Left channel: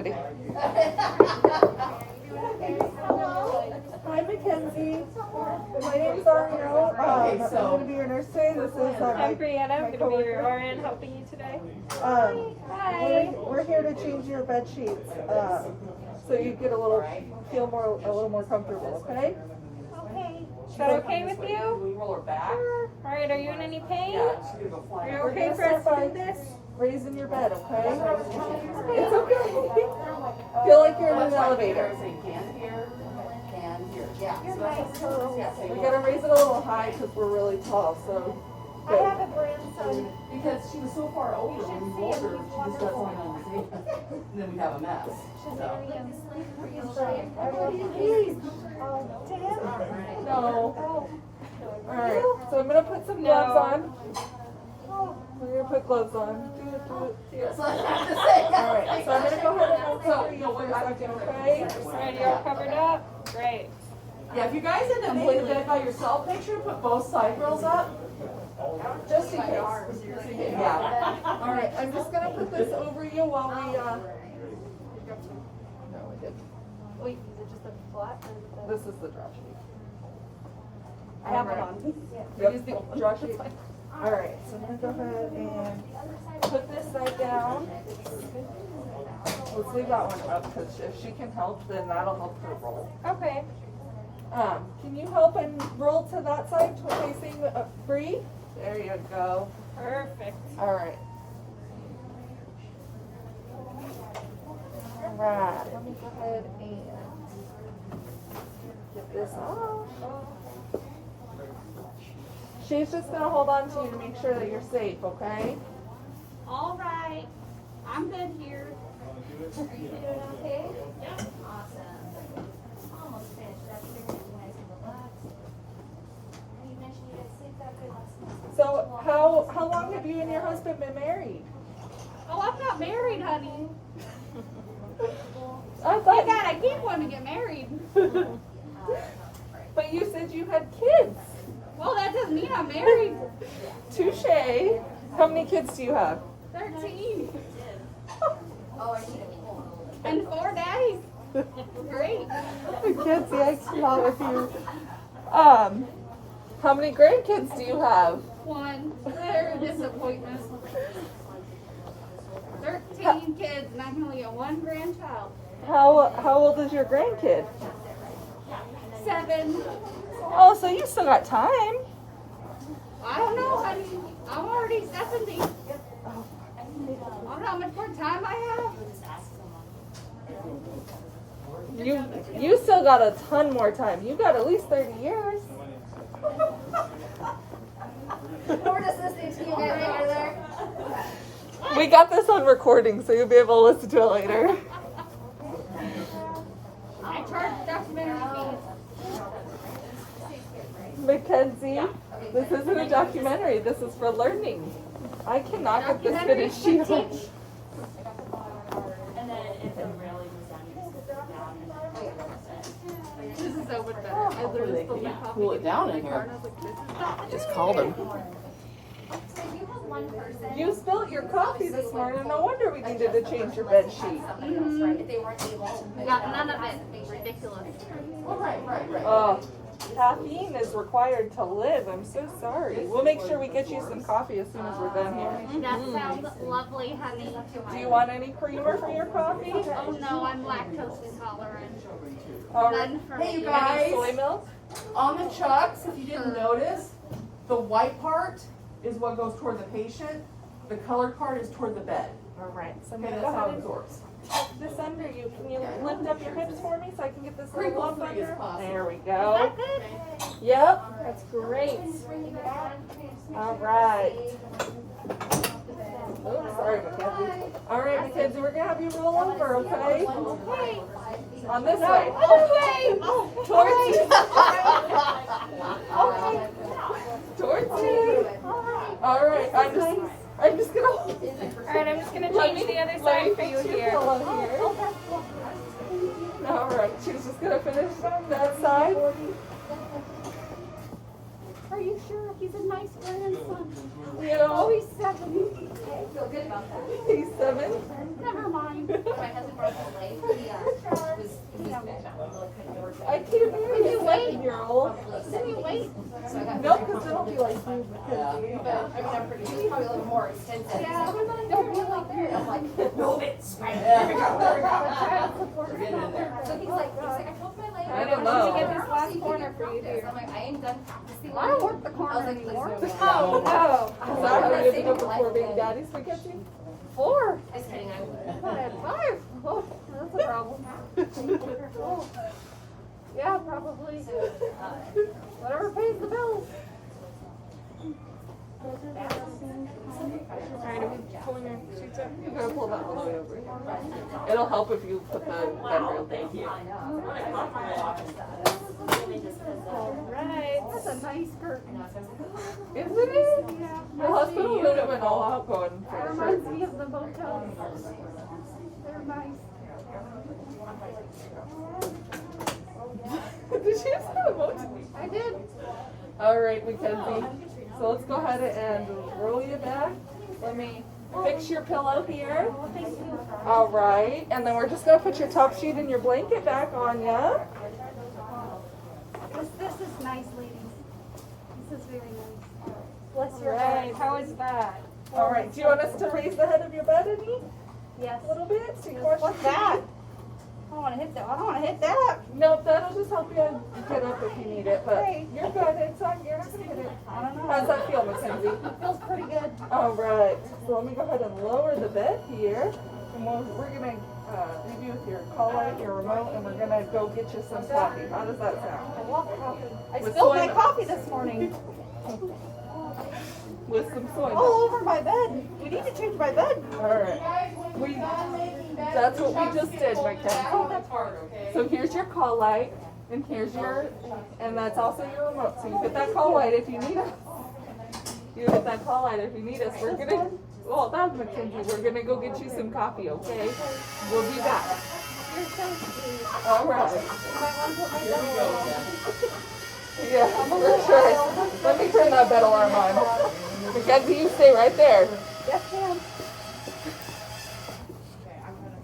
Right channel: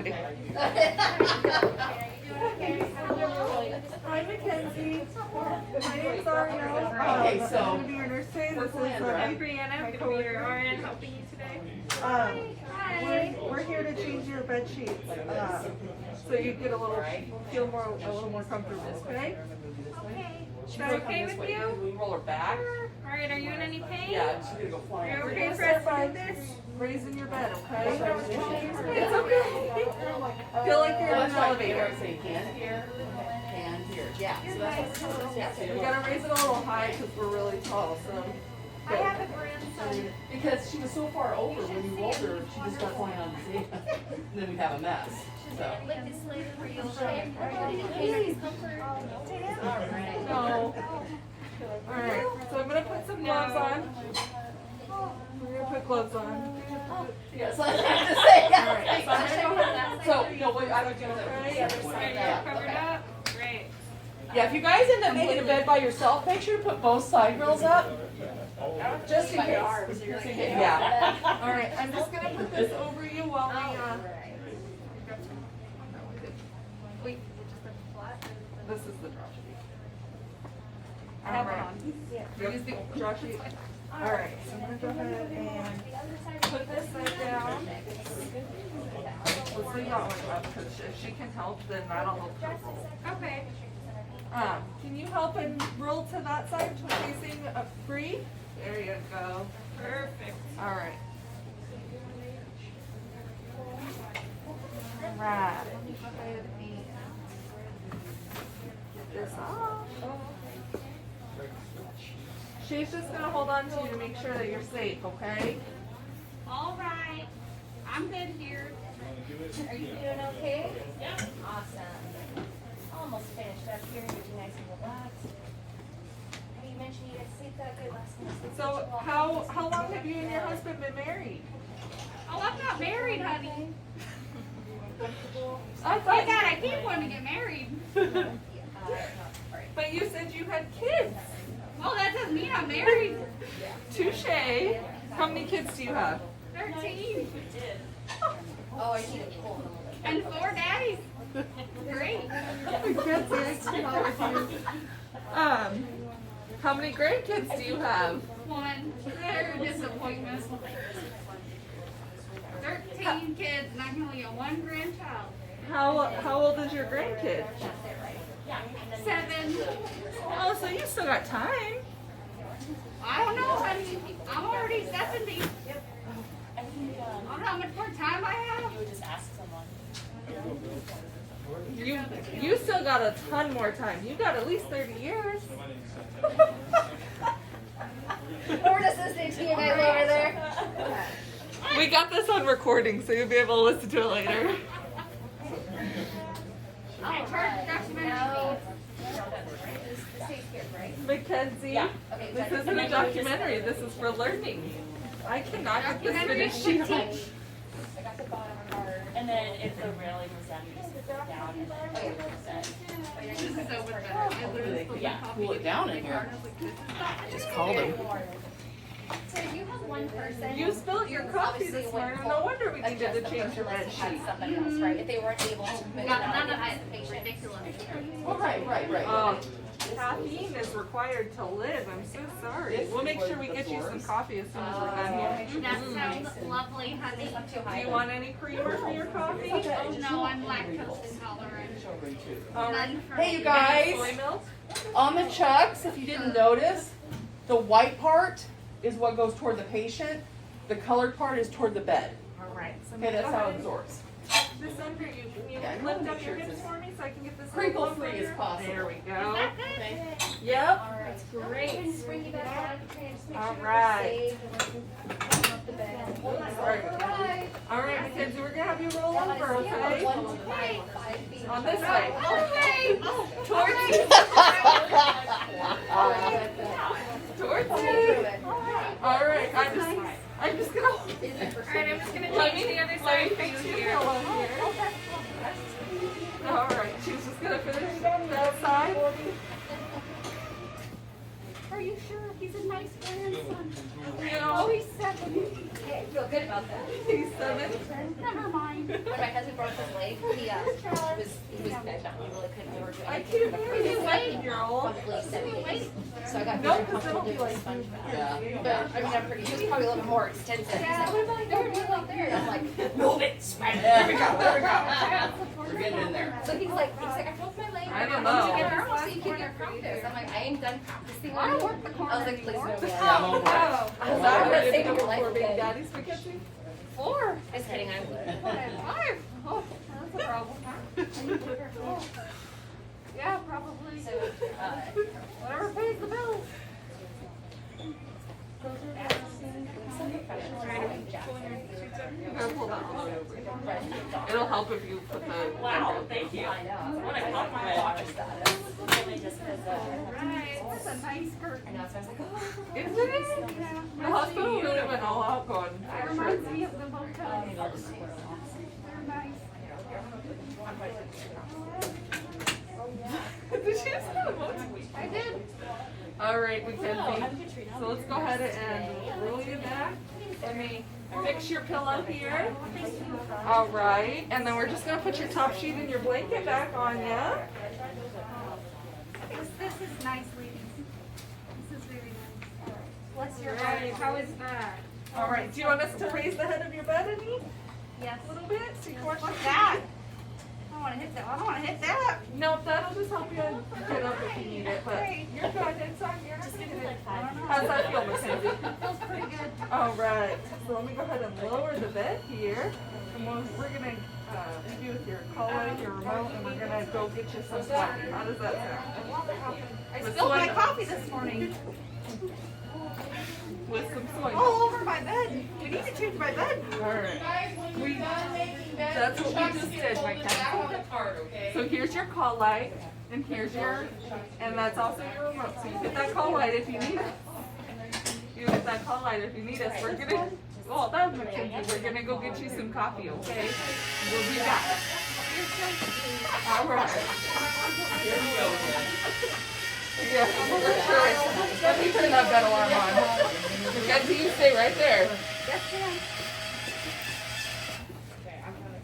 Ready? Hi, Mackenzie. My name's Ariel. I'm going to be your nurse today. This is I'm Brianna. I'm going to be your RN helping you today. We're here to change your bed sheets, so you get a little more comfortable. Okay? Okay. Is that okay with you? Sure. All right. Are you in any pain? Are you okay for us to do this? Raising your bed, okay? It's okay. Feel like you're in an elevator. We gotta raise it a little high because we're really tall. So. I have a grandson. Because she was so far over when we were older, she just doesn't want to see it. And then we'd have a mess. No. Alright, so I'm gonna put some gloves on. We're gonna put gloves on. Yes, I have to say. Alright, so I'm gonna go ahead and So, you know, what I was Right, you're all covered up. Great. Yeah, if you guys end up making a bed by yourself, make sure to put both side rails up. Just in case. Yeah. Alright, I'm just gonna put this over you while we, Wait, is it just a flat? this is the draw sheet. I have one on. Use the draw sheet. Alright, so I'm gonna go ahead and put this side down. Let's leave that one up because if she can help, then that'll help her roll. Okay. Can you help and roll to that side, facing free? There you go. Perfect. Alright. Alright, let me go ahead and get this off. She's just gonna hold on to you to make sure that you're safe, okay? All right. I'm good here. Are you doing okay? Yeah. Awesome. Almost finished up here. You guys can relax. You mentioned you had sleep that good last night. So how long have you and your husband been married? Oh, I'm not married, honey. I My thought, God, I can't want to get married. but you said you had kids. Well, that doesn't mean I'm married. Touche. How many kids do you have? 13. And 4 daddies. Great. Mackenzie, I cannot with you. How many grandkids do you have? 1. They're a disappointment. 13 kids, and I can only get 1 grandchild. How old is your grandkid? 7. Oh, so you still got time. I don't know, honey. I'm already 70. I don't know how much more time I have. You still got a ton more time. You got at least 30 years. We're just listening to you guys over there. We got this on recording, so you'll be able to listen to it later. I charge documentary Mackenzie, this isn't a documentary. This is for learning. I cannot get this finished here. And then if the railing is done, you just sit down and This is so much better. I literally spilled my coffee. Cool it down in here. Just called him. So you have 1 person. You spilled your coffee this morning. No wonder we needed to change your bed sheet. If they weren't able to move. None of it. Ridiculous. Oh, right. Oh, caffeine is required to live. I'm so sorry. We'll make sure we get you some coffee as soon as we're done here. That sounds lovely, honey. Do you want any creamer for your coffee? Oh no, I'm lactose intolerant. All right. None for Hey, you me. guys. Soy milk? On the chucks, if you didn't notice, the white part is what goes toward the patient. The colored part is toward the bed. All right. So I'm Okay, gonna that's go how ahead it and absorbs. tuck this under you. Can you lift up your hips for me so I can get this little Crinkle lump free under? as possible. There we Is go. that good? Yep, that's great. Just bring you back down. Just make All sure you're right. safe. Off the bed. Oops, sorry, Mackenzie. All right, Mackenzie, we're gonna have you roll over, okay? Okay. On this way. Okay. Towards you. Towards you. All right, I'm just gonna. All right, I'm just gonna change the other side for you here. All right, she's just gonna finish that side. Are you sure? He's a nice grandson. You know, Oh, he's 7. I feel good about that. he's 7. Never mind. When my cousin broke his leg, he was really couldn't do it. I can't marry a 7-year-old. Didn't you wait? So I got No, because it'll be like you. But, I mean, it was probably a little bit more extensive. Yeah, they're like, I'm like, move it, spread it. There we go, there we go. We're getting in there. So he's like, I broke my leg. I don't know. So you can get practice. I'm like, I ain't done practicing. I don't work the corner I was like, please anymore. move it. Oh, is that how you ended up with 4 baby daddies for Kitsy? 4. Just kidding, I'm. 5. Oh, that's a problem. Oh. Yeah, probably. So, Whatever pays the bills. Alright, are we pulling your sheets up? You're gonna pull that all the way over. It'll help if you put the bedroom. Thank you. I know. What a compliment. Alright, that's a nice skirt. I know, so I was like, oh. Is it? Yeah. My husband would have been all out going It for a reminds shirt. me of the motels. They're nice. Did you say emoji? I did. Alright, Mackenzie. So let's go ahead and roll you back. Let me fix your pillow here. Alright, and then we're just gonna put your top sheet and your blanket back on ya. This is nice, ladies. This is very nice. Bless your Right. heart. How is that? Alright, do you want us to raise the head of your bed any? Yes. A little bit? So you want What's that? I don't want to hit that. I don't want to hit that. No, that'll just help you get up if you need it, but Okay. you're good. It's on, you're not gonna hit it. I don't know. How's that feel, Mackenzie? It feels pretty good. Alright, so let me go ahead and lower the bed here. And we're gonna do with your call light, your remote, and we're gonna go get you some coffee. How does that sound? I love coffee. I With spilled my soy- coffee this morning. With some soy All milk. over my bed. We need to change my bed. Alright. That's what we just did, Mackenzie. So here's your call light, and here's and that's also your remote. So you hit that call light if you need us. You hit that call light if you need us. We're gonna, well, that's Mackenzie. We're gonna go get you some coffee, okay? We'll be back. Alright. Yeah, for sure. Let me turn that bed alarm on. Mackenzie, you stay right there. Yes, ma'am.